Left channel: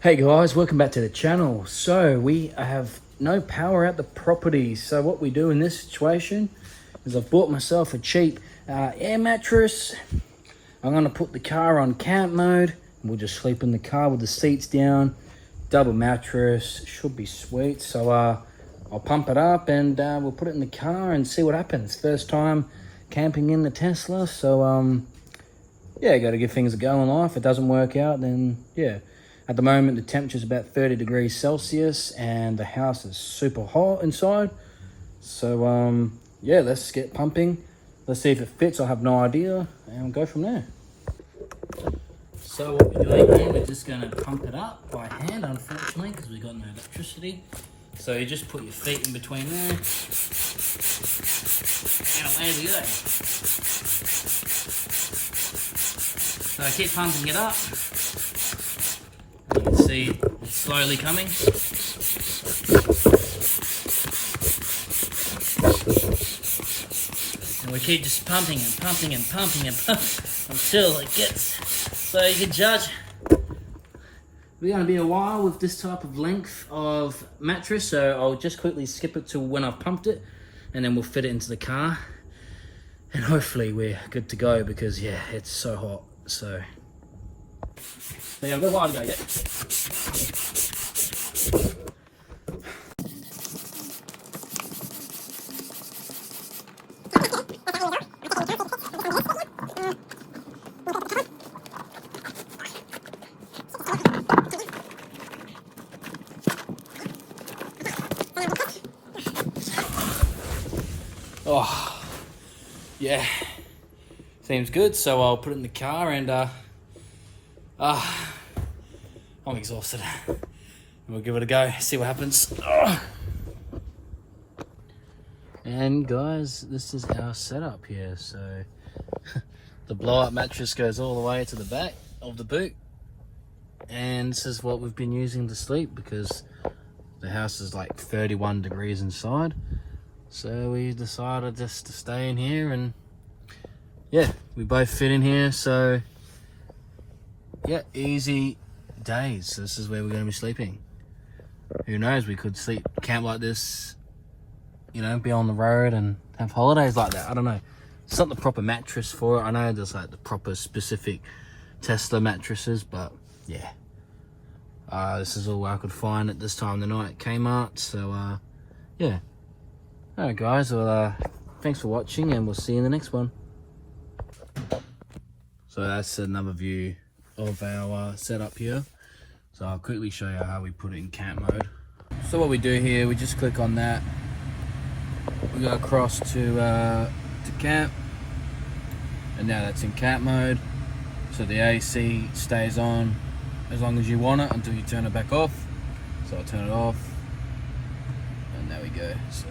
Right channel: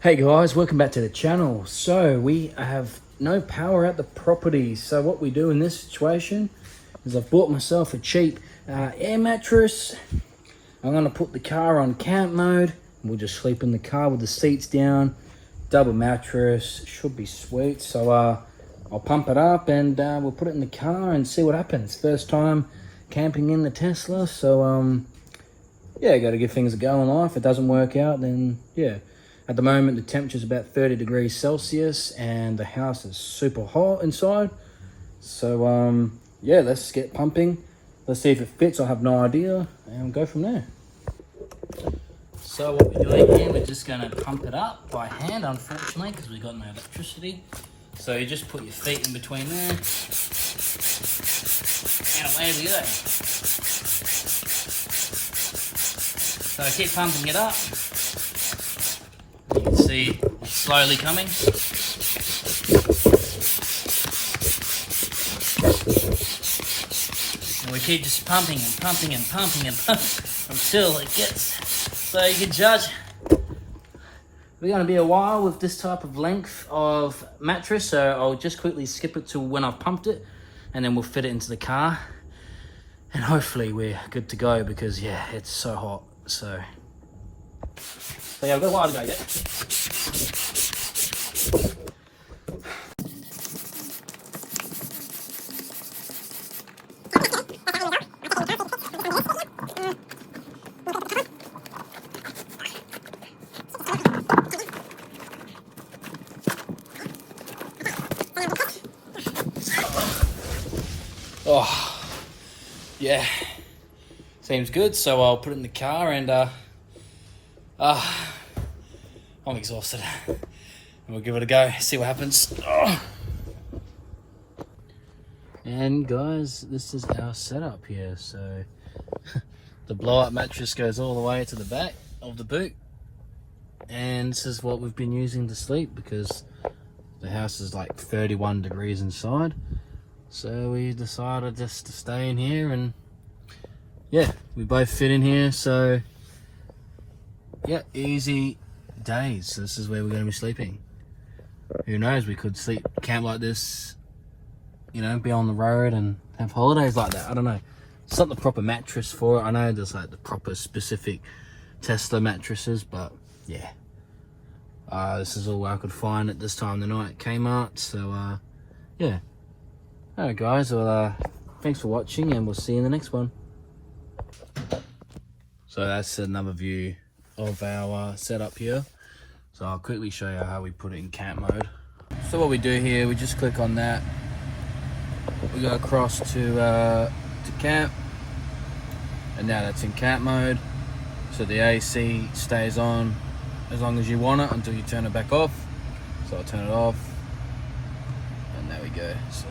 Hey guys, welcome back to the channel. So we have no power at the property. So what we do in this situation is I've bought myself a cheap air mattress. I'm gonna put the car on camp mode. We'll just sleep in the car with the seats down. Double mattress, should be sweet. So I'll pump it up and we'll put it in the car and see what happens. First time camping in the Tesla. So yeah, got to give things a go in life. If it doesn't work out, then yeah. At the moment, the temperature is about 30 degrees Celsius and the house is super hot inside. So, yeah, let's get pumping. Let's see if it fits. I have no idea and we'll go from there. So what we're doing here, we're just going to pump it up by hand, unfortunately, because we've got no electricity. So you just put your feet in between there and away we go. So keep pumping it up. You can see it's slowly coming. And we keep just pumping and pumping and pumping and pumping until it gets so you can judge. We're going to be a while with this type of length of mattress, so I'll just quickly skip it to when I've pumped it and then we'll fit it into the car and hopefully we're good to go because yeah, it's so hot. So yeah, I've got a while to go yet. Oh, yeah, seems good. So I'll put it in the car and I'm exhausted. We'll give it a go, see what happens. And guys, this is our setup here. So the blow-up mattress goes all the way to the back of the boot. And this is what we've been using to sleep because the house is like 31 degrees inside. So we decided just to stay in here and yeah, we both fit in here. So yeah, easy days. So this is where we're going to be sleeping. Who knows, we could camp like this, you know, be on the road and have holidays like that. I don't know. It's not the proper mattress for it. I know there's like the proper specific Tesla mattresses, but yeah. This is all I could find at this time of the night at Kmart. So yeah. Alright guys, well thanks for watching and we'll see you in the next one. So that's another view of our setup here. So I'll quickly show you how we put it in camp mode. So what we do here, we just click on that. We go across to camp, and now that's in camp mode. So the AC stays on as long as you want it until you turn it back off. So I'll turn it off, and there we go. So